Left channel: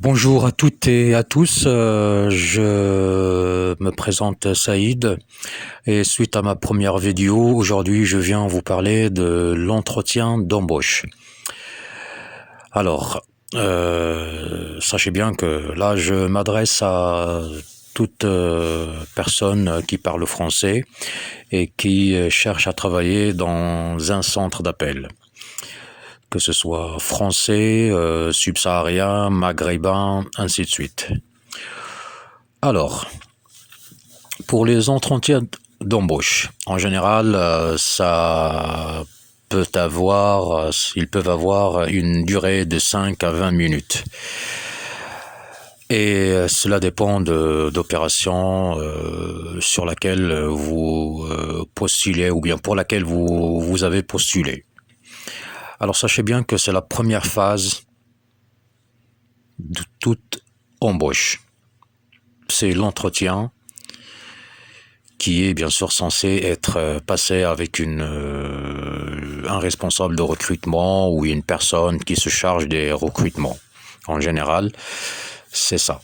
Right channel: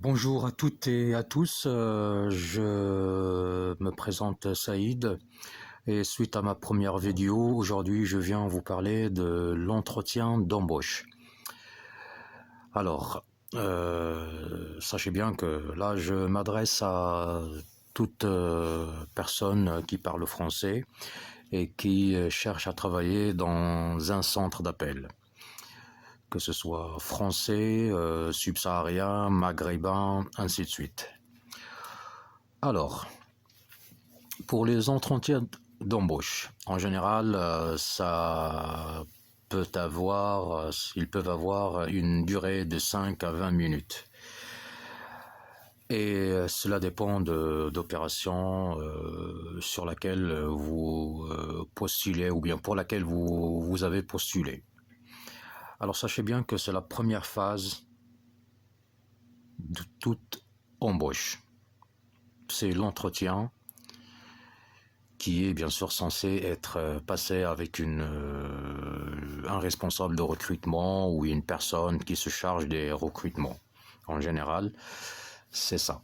Bonjour à toutes et à tous, je me présente Saïd et suite à ma première vidéo, aujourd'hui je viens vous parler de l'entretien d'embauche. Alors, sachez bien que là je m'adresse à toute personne qui parle français et qui cherche à travailler dans un centre d'appel, que ce soit français, subsaharien, maghrébin, ainsi de suite. Alors, pour les entretiens d'embauche, en général, ils peuvent avoir une durée de 5 à 20 minutes. Et cela dépend d'opérations sur laquelle vous postulez ou bien pour laquelle vous avez postulé. Alors sachez bien que c'est la première phase de toute embauche. C'est l'entretien qui est bien sûr censé être passé avec un responsable de recrutement ou une personne qui se charge des recrutements. En général, c'est ça.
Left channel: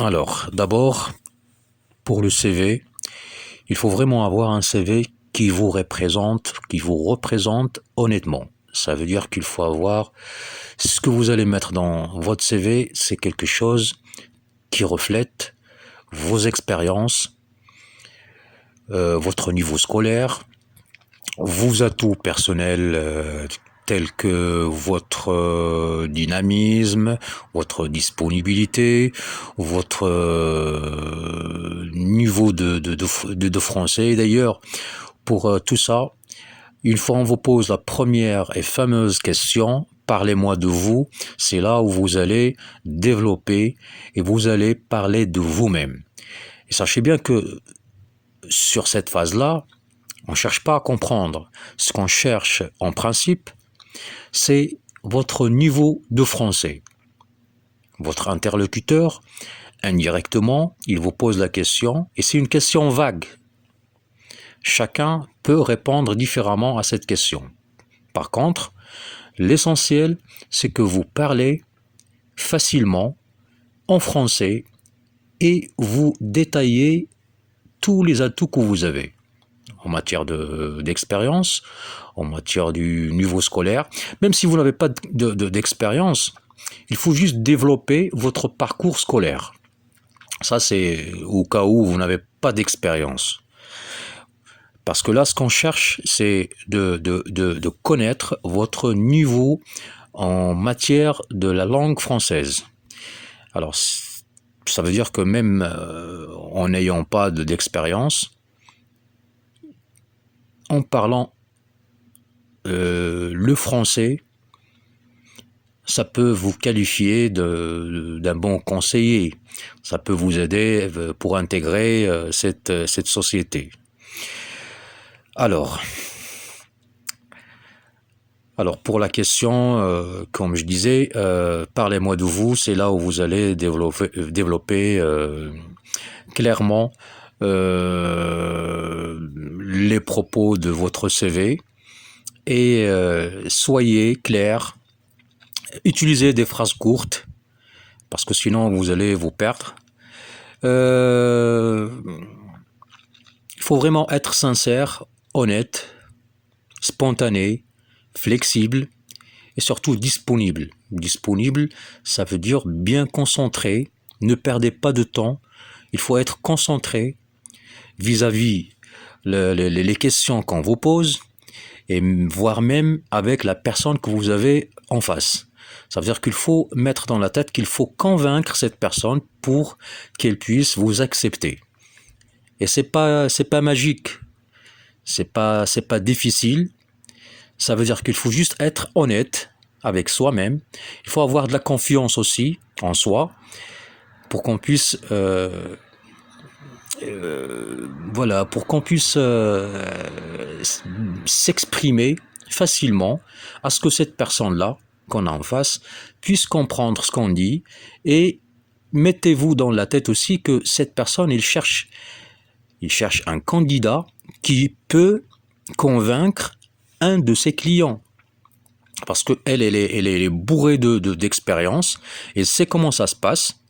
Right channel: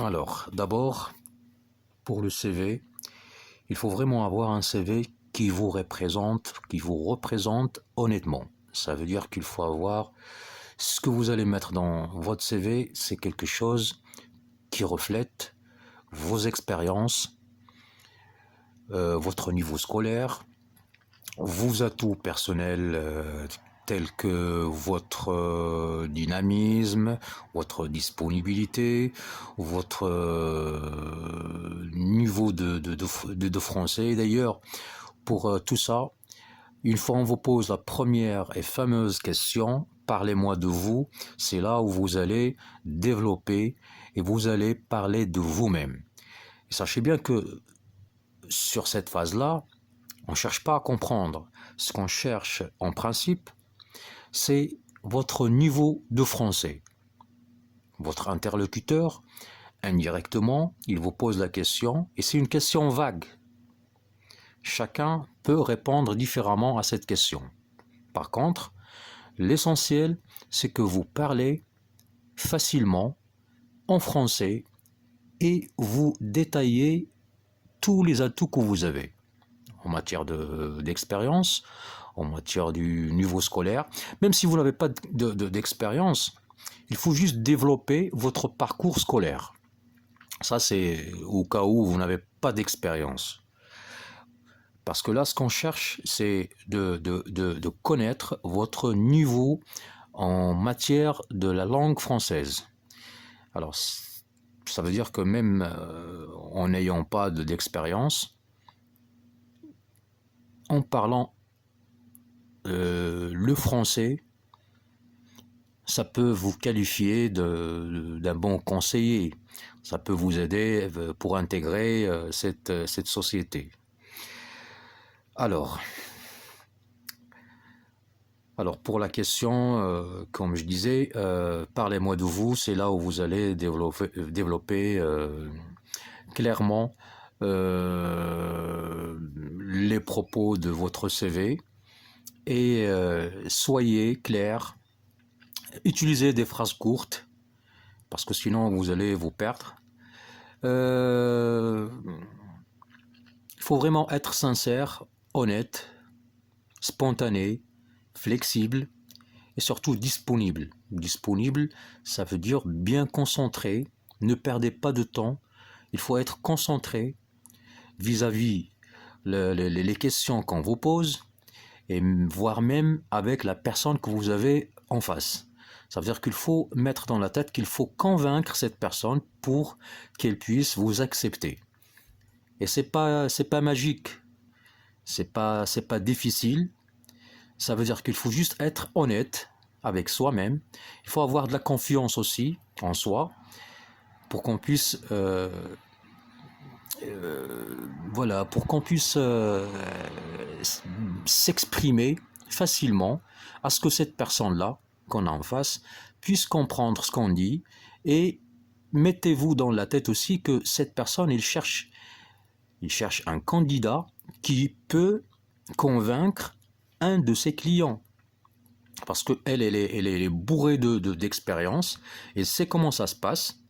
Alors, d'abord, pour le CV, il faut vraiment avoir un CV qui vous représente honnêtement. Ça veut dire qu'il faut avoir ce que vous allez mettre dans votre CV, c'est quelque chose qui reflète vos expériences, votre niveau scolaire, vos atouts personnels tels que votre dynamisme, votre disponibilité, votre niveau de français. D'ailleurs, pour tout ça, une fois on vous pose la première et fameuse question, parlez-moi de vous, c'est là où vous allez développer et vous allez parler de vous-même. Et sachez bien que sur cette phase-là, on ne cherche pas à comprendre. Ce qu'on cherche en principe, c'est votre niveau de français. Votre interlocuteur, indirectement, il vous pose la question et c'est une question vague. Chacun peut répondre différemment à cette question. Par contre, l'essentiel, c'est que vous parlez facilement en français et vous détaillez tous les atouts que vous avez en matière d'expérience, en matière du niveau scolaire. Même si vous n'avez pas d'expérience, il faut juste développer votre parcours scolaire. Ça, c'est au cas où vous n'avez pas d'expérience. Parce que là, ce qu'on cherche, c'est de connaître votre niveau en matière de la langue française. Alors, ça veut dire que même en n'ayant pas d'expérience, en parlant le français, ça peut vous qualifier d'un bon conseiller. Ça peut vous aider pour intégrer cette société. Alors pour la question, comme je disais, parlez-moi de vous, c'est là où vous allez développer clairement les propos de votre CV et soyez clair. Utilisez des phrases courtes, parce que sinon vous allez vous perdre. Il faut vraiment être sincère, honnête, spontané, flexible et surtout disponible. Disponible, ça veut dire bien concentré, ne perdez pas de temps, il faut être concentré vis-à-vis les questions qu'on vous pose et voire même avec la personne que vous avez en face. Ça veut dire qu'il faut mettre dans la tête qu'il faut convaincre cette personne pour qu'elle puisse vous accepter. Et c'est pas magique, c'est pas difficile. Ça veut dire qu'il faut juste être honnête avec soi-même. Il faut avoir de la confiance aussi en soi pour qu'on puisse pour qu'on puisse s'exprimer facilement à ce que cette personne-là qu'on a en face puisse comprendre ce qu'on dit et mettez-vous dans la tête aussi que cette personne, il cherche un candidat qui peut convaincre un de ses clients. parce qu'elle est bourrée d'expérience, et c'est comment ça se passe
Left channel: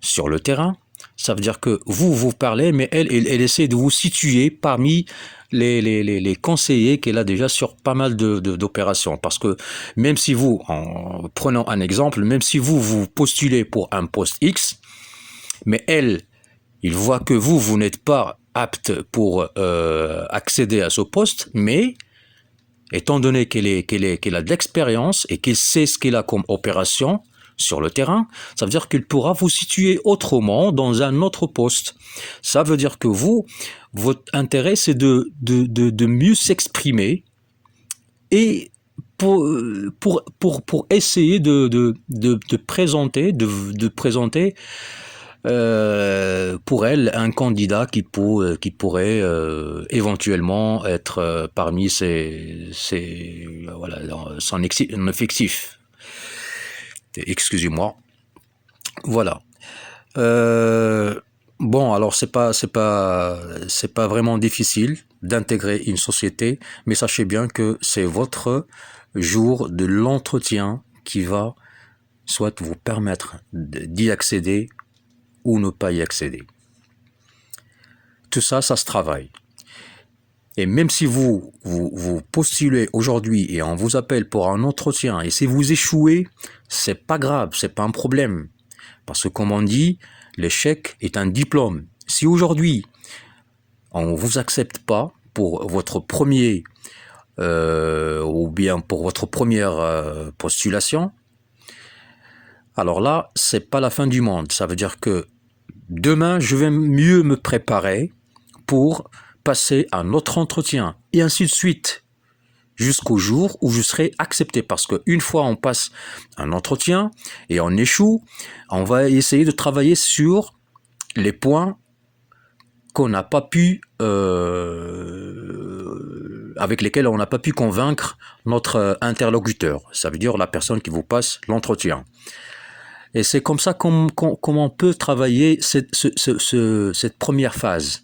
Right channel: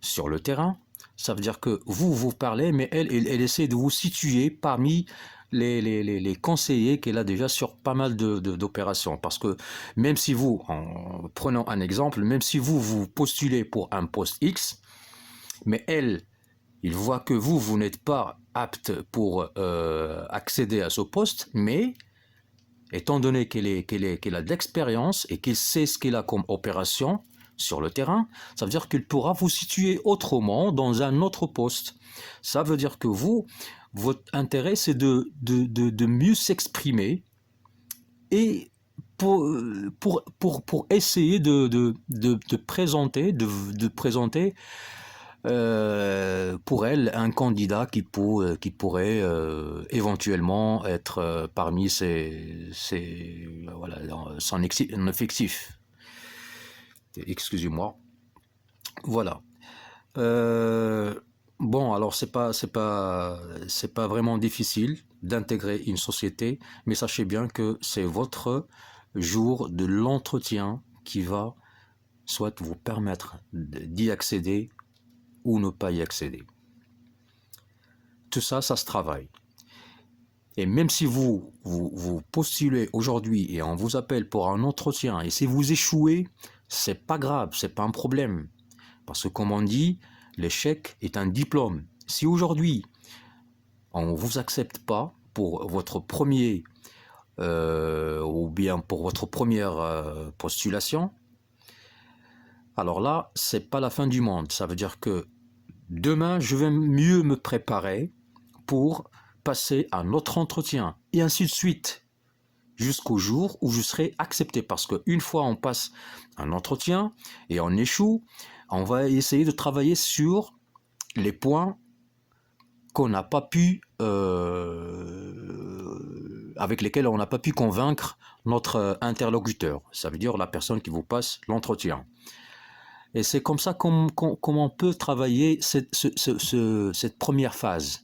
sur le terrain. Ça veut dire que vous parlez, mais elle essaie de vous situer parmi les conseillers qu'elle a déjà sur pas mal d'opérations. Parce que même si vous, en prenant un exemple, même si vous postulez pour un poste X, mais il voit que vous n'êtes pas apte pour accéder à ce poste, mais étant donné qu'elle a de l'expérience et qu'elle sait ce qu'elle a comme opération sur le terrain, ça veut dire qu'elle pourra vous situer autrement dans un autre poste. Ça veut dire que votre intérêt, c'est de mieux s'exprimer et pour essayer de présenter pour elle un candidat qui pourrait éventuellement être parmi voilà, son effectif. Excusez-moi. Voilà. Bon, alors c'est pas vraiment difficile d'intégrer une société, mais sachez bien que c'est votre jour de l'entretien qui va soit vous permettre d'y accéder ou ne pas y accéder. Tout ça, ça se travaille. Et même si vous postulez aujourd'hui et on vous appelle pour un entretien, et si vous échouez, c'est pas grave, c'est pas un problème. Parce que comme on dit, l'échec est un diplôme. Si aujourd'hui, on ne vous accepte pas pour votre premier ou bien pour votre première postulation, alors là, c'est pas la fin du monde. Ça veut dire que demain, je vais mieux me préparer pour passer un autre entretien, et ainsi de suite, jusqu'au jour où je serai accepté. Parce qu'une fois on passe un entretien et on échoue, on va essayer de travailler sur les points qu'on n'a pas pu, avec lesquels on n'a pas pu convaincre notre interlocuteur. Ça veut dire la personne qui vous passe l'entretien. Et c'est comme ça qu'on peut travailler cette première phase.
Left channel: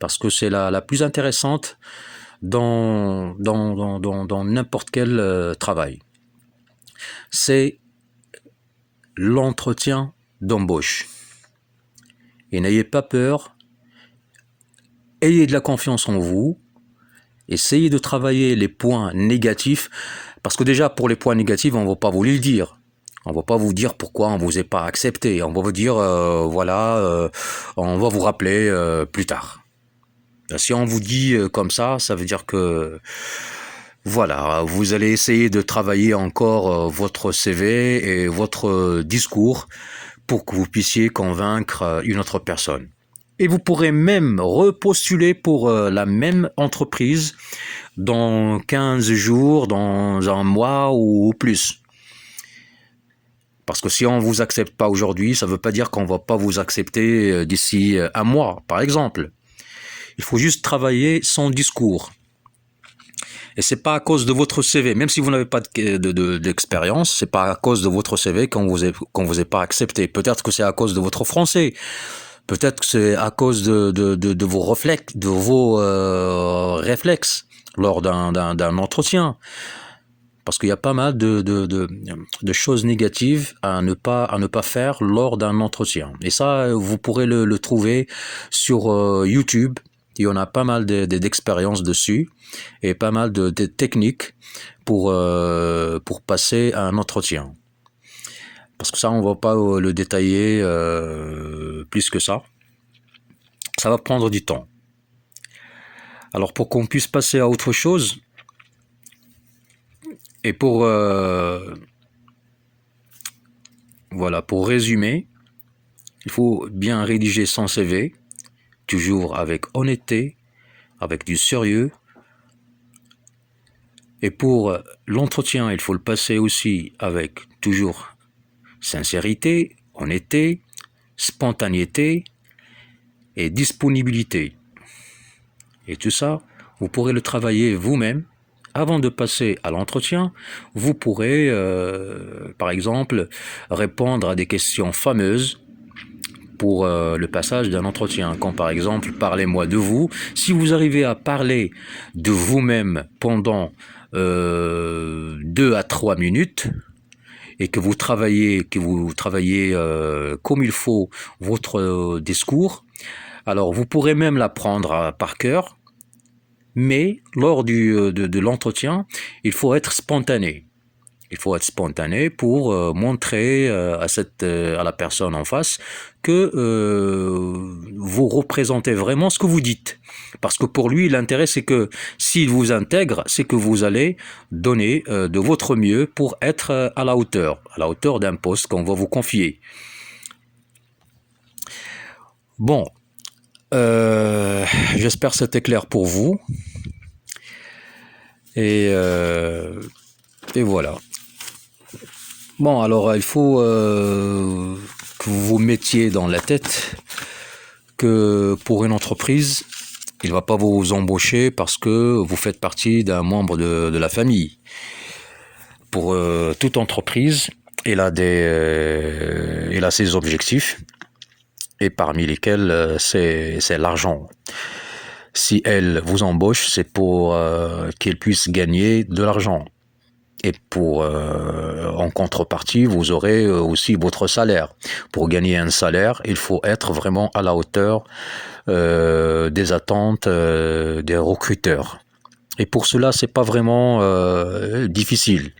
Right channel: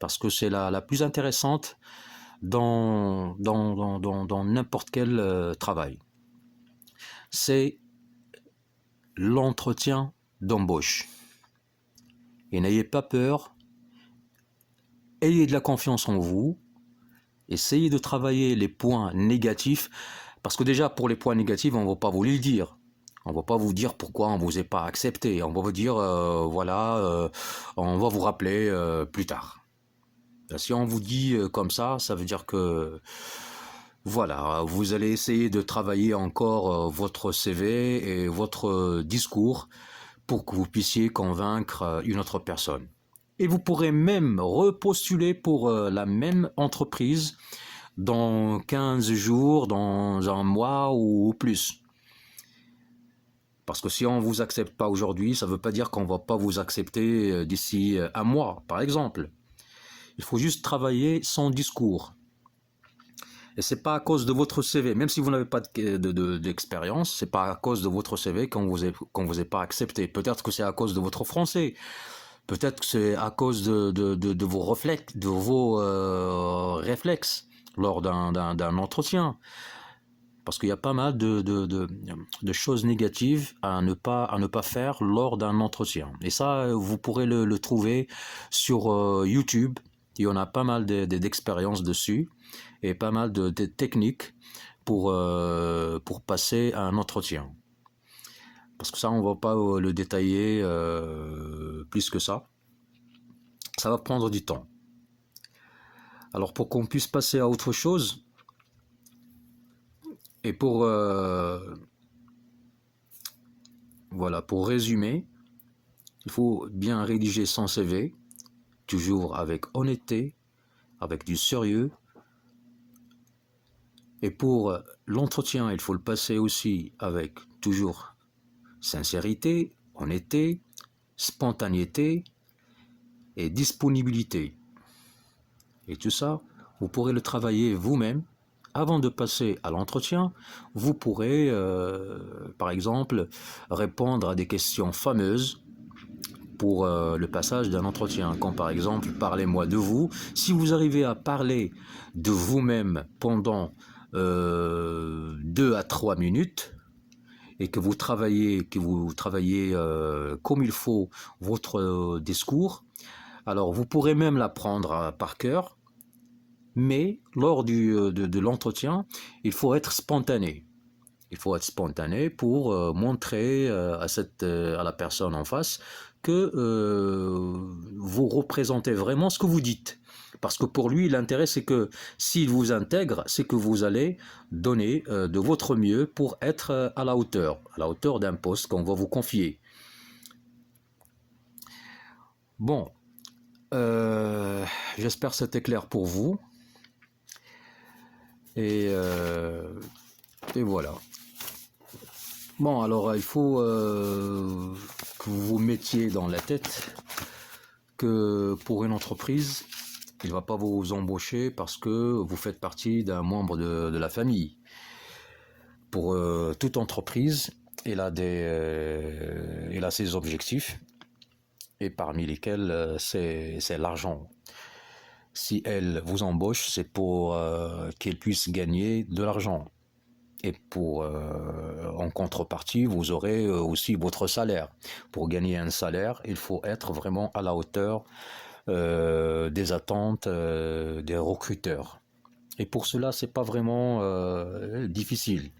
Parce que c'est la plus intéressante dans n'importe quel travail. C'est l'entretien d'embauche. Et n'ayez pas peur, ayez de la confiance en vous, essayez de travailler les points négatifs, parce que déjà pour les points négatifs, on ne va pas vous les dire. On ne va pas vous dire pourquoi on ne vous est pas accepté. On va vous dire, voilà, on va vous rappeler plus tard. Si on vous dit comme ça, ça veut dire que voilà, vous allez essayer de travailler encore votre CV et votre discours pour que vous puissiez convaincre une autre personne. Et vous pourrez même repostuler pour la même entreprise dans 15 jours, dans un mois ou plus. Parce que si on ne vous accepte pas aujourd'hui, ça ne veut pas dire qu'on ne va pas vous accepter d'ici un mois, par exemple. Il faut juste travailler son discours. Et c'est pas à cause de votre CV, même si vous n'avez pas d'expérience, c'est pas à cause de votre CV qu'on vous est pas accepté. Peut-être que c'est à cause de votre français. Peut-être que c'est à cause de vos réflexes lors d'un entretien. Parce qu'il y a pas mal de choses négatives à ne pas faire lors d'un entretien. Et ça, vous pourrez le trouver sur YouTube. Il y en a pas mal d'expériences dessus et pas mal de techniques pour passer à un entretien. Parce que ça, on ne va pas le détailler plus que ça. Ça va prendre du temps. Alors pour qu'on puisse passer à autre chose, et pour résumer, il faut bien rédiger son CV, toujours avec honnêteté, avec du sérieux. Et pour l'entretien, il faut le passer aussi avec toujours sincérité, honnêteté, spontanéité et disponibilité. Et tout ça, vous pourrez le travailler vous-même. Avant de passer à l'entretien, vous pourrez, par exemple, répondre à des questions fameuses pour le passage d'un entretien, comme par exemple « Parlez-moi de vous ». Si vous arrivez à parler de vous-même pendant 2 à 3 minutes et que vous travaillez comme il faut votre discours, alors vous pourrez même l'apprendre par cœur, mais lors de l'entretien, il faut être spontané. Il faut être spontané pour montrer à la personne en face que vous représentez vraiment ce que vous dites. Parce que pour lui, l'intérêt, c'est que s'il vous intègre, c'est que vous allez donner de votre mieux pour être à la hauteur d'un poste qu'on va vous confier. Bon, j'espère que c'était clair pour vous. Et voilà. Bon, alors il faut que vous vous mettiez dans la tête que pour une entreprise, il ne va pas vous embaucher parce que vous faites partie d'un membre de la famille. Pour toute entreprise, elle a ses objectifs, et parmi lesquels c'est l'argent. Si elle vous embauche, c'est pour qu'elle puisse gagner de l'argent. Et en contrepartie, vous aurez aussi votre salaire. Pour gagner un salaire, il faut être vraiment à la hauteur des attentes des recruteurs. Et pour cela, c'est pas vraiment difficile.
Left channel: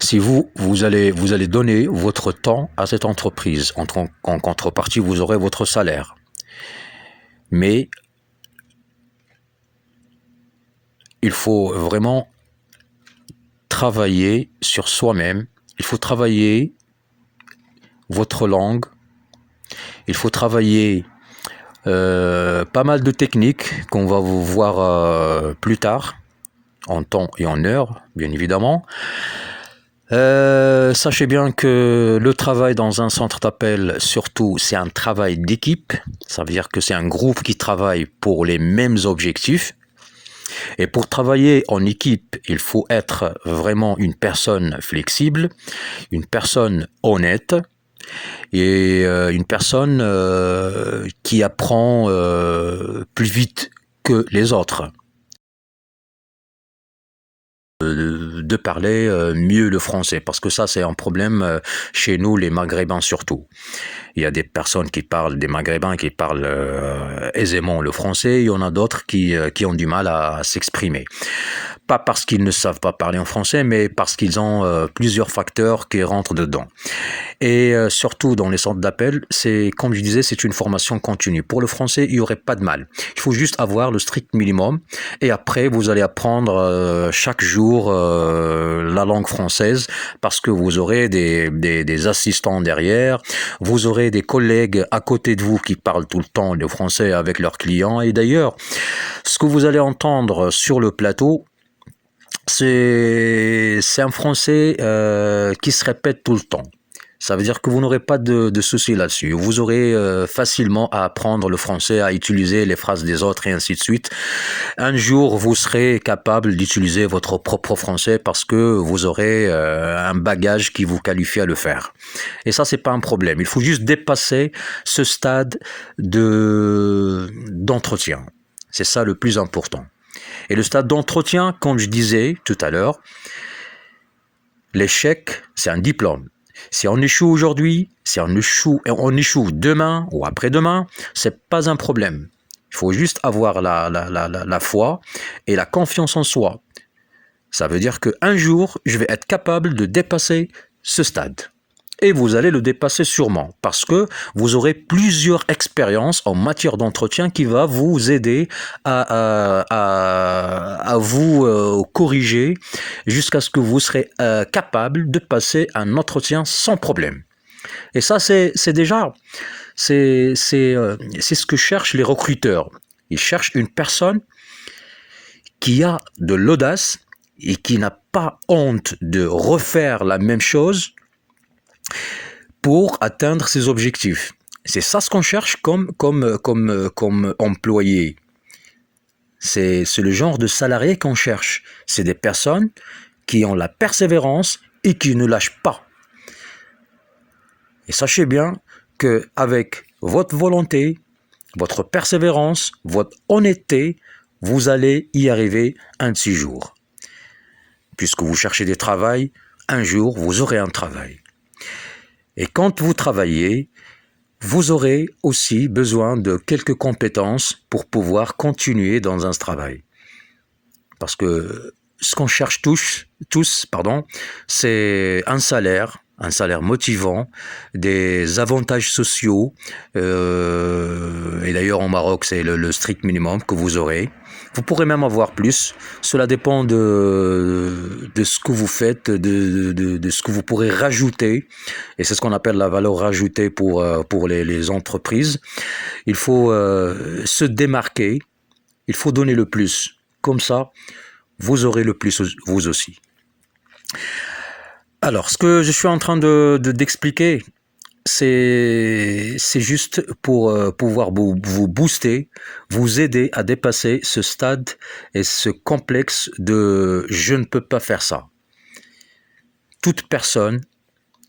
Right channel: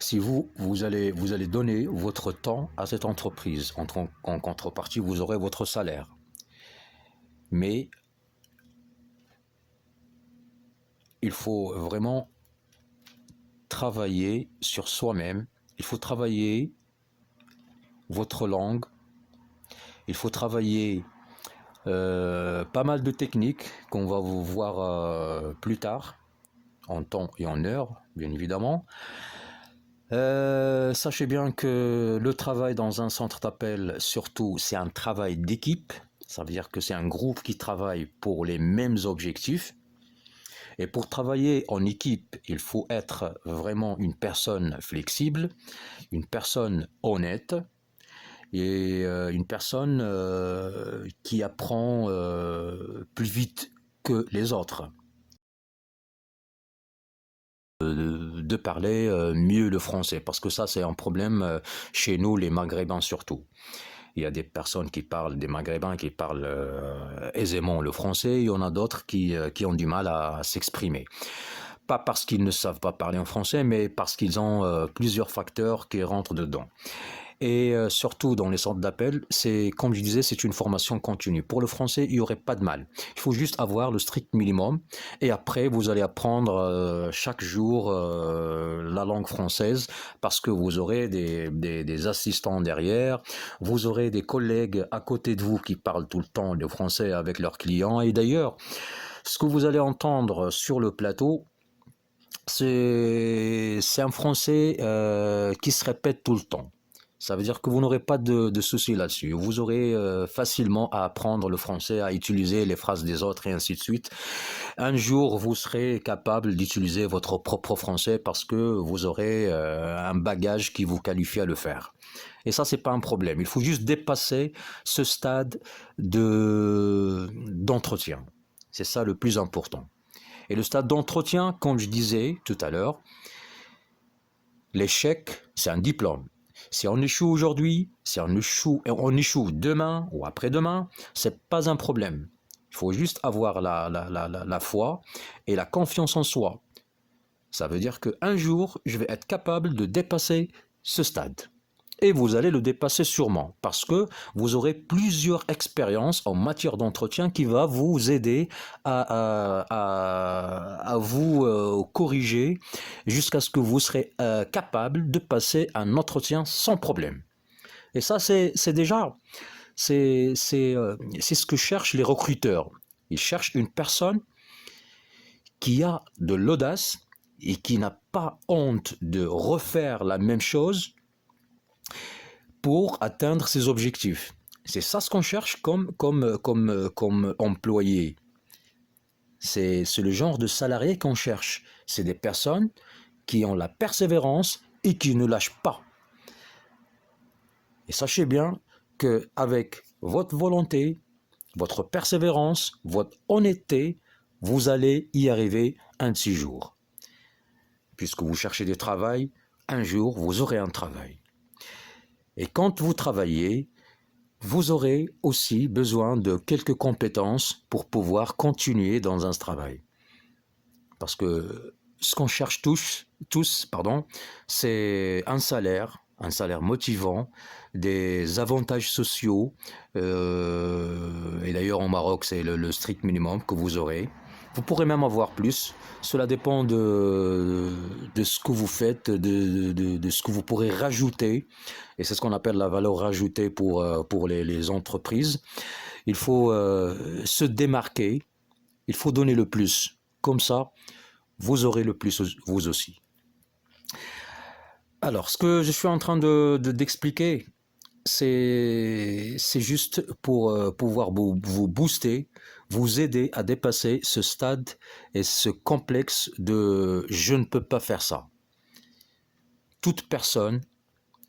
Si vous allez donner votre temps à cette entreprise, en contrepartie, vous aurez votre salaire. Mais il faut vraiment travailler sur soi-même, il faut travailler votre langue, il faut travailler pas mal de techniques qu'on va vous voir plus tard, en temps et en heure, bien évidemment. Sachez bien que le travail dans un centre d'appel, surtout, c'est un travail d'équipe. Ça veut dire que c'est un groupe qui travaille pour les mêmes objectifs. Et pour travailler en équipe, il faut être vraiment une personne flexible, une personne honnête et une personne qui apprend plus vite que les autres. De parler mieux le français, parce que ça c'est un problème chez nous les Maghrébins surtout. Il y a des personnes des Maghrébins qui parlent aisément le français, il y en a d'autres qui ont du mal à s'exprimer. Pas parce qu'ils ne savent pas parler en français, mais parce qu'ils ont plusieurs facteurs qui rentrent dedans. Et surtout dans les centres d'appel, comme je disais, c'est une formation continue. Pour le français, il n'y aurait pas de mal. Il faut juste avoir le strict minimum. Et après, vous allez apprendre chaque jour la langue française parce que vous aurez des assistants derrière. Vous aurez des collègues à côté de vous qui parlent tout le temps le français avec leurs clients. Et d'ailleurs, ce que vous allez entendre sur le plateau, c'est un français qui se répète tout le temps. Ça veut dire que vous n'aurez pas de soucis là-dessus. Vous aurez facilement à apprendre le français, à utiliser les phrases des autres et ainsi de suite. Un jour, vous serez capable d'utiliser votre propre français parce que vous aurez un bagage qui vous qualifie à le faire. Et ça, c'est pas un problème. Il faut juste dépasser ce stade d'entretien. C'est ça le plus important. Et le stade d'entretien, comme je disais tout à l'heure, l'échec, c'est un diplôme. Si on échoue aujourd'hui, si on échoue demain ou après-demain, c'est pas un problème. Il faut juste avoir la foi et la confiance en soi. Ça veut dire qu'un jour, je vais être capable de dépasser ce stade. Et vous allez le dépasser sûrement parce que vous aurez plusieurs expériences en matière d'entretien qui va vous aider à vous corriger jusqu'à ce que vous serez capable de passer un entretien sans problème. Et ça, c'est ce que cherchent les recruteurs. Ils cherchent une personne qui a de l'audace et qui n'a pas honte de refaire la même chose pour atteindre ses objectifs. C'est ça ce qu'on cherche comme employé. C'est le genre de salarié qu'on cherche. C'est des personnes qui ont la persévérance et qui ne lâchent pas. Et sachez bien qu'avec votre volonté, votre persévérance, votre honnêteté, vous allez y arriver un de ces jours. puisque vous cherchez des travails, un jour, vous aurez un travail. Et quand vous travaillez, vous aurez aussi besoin de quelques compétences pour pouvoir continuer dans un travail. Parce que ce qu'on cherche tous, c'est un salaire motivant, des avantages sociaux, et d'ailleurs au Maroc c'est le strict minimum que vous aurez. Vous pourrez même avoir plus, cela dépend de ce que vous faites, de ce que vous pourrez rajouter, et c'est ce qu'on appelle la valeur rajoutée pour les entreprises. Il faut se démarquer, il faut donner le plus, comme ça vous aurez le plus vous aussi. Alors, ce que je suis en train d'expliquer, c'est juste pour pouvoir vous booster, vous aider à dépasser ce stade et ce complexe de « je ne peux pas faire ça ». Toute personne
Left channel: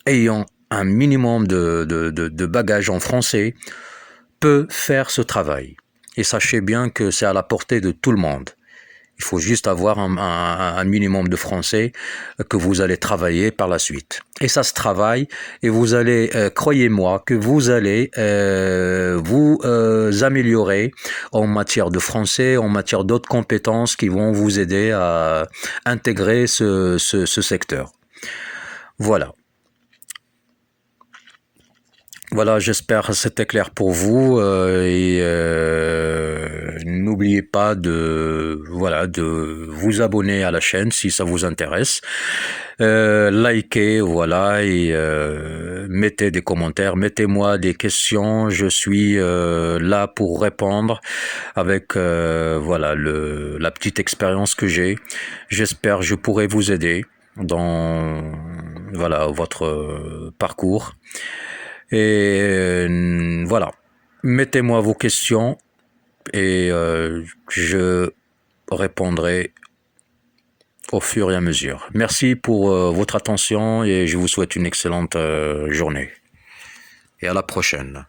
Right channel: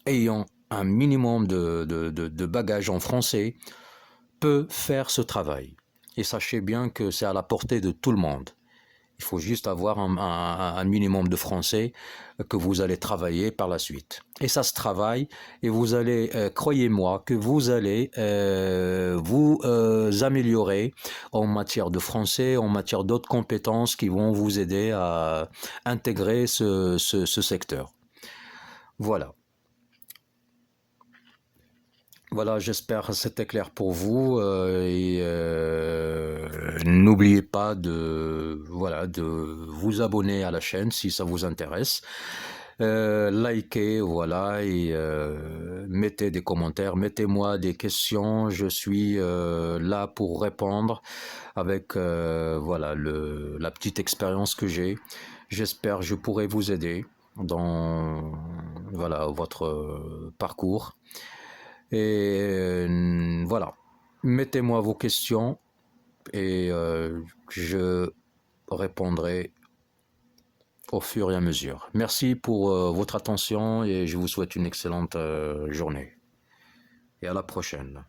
ayant un minimum de bagages en français peut faire ce travail. Et sachez bien que c'est à la portée de tout le monde. Il faut juste avoir un minimum de français que vous allez travailler par la suite. Et ça se travaille et vous allez, croyez-moi, que vous allez vous améliorer en matière de français, en matière d'autres compétences qui vont vous aider à intégrer ce secteur. Voilà. Voilà, j'espère que c'était clair pour vous et n'oubliez pas de vous abonner à la chaîne si ça vous intéresse. Likez, voilà, et mettez des commentaires, mettez-moi des questions, je suis là pour répondre avec la petite expérience que j'ai. J'espère que je pourrai vous aider dans votre parcours. Et voilà, mettez-moi vos questions et je répondrai au fur et à mesure. Merci pour votre attention et je vous souhaite une excellente journée. Et à la prochaine.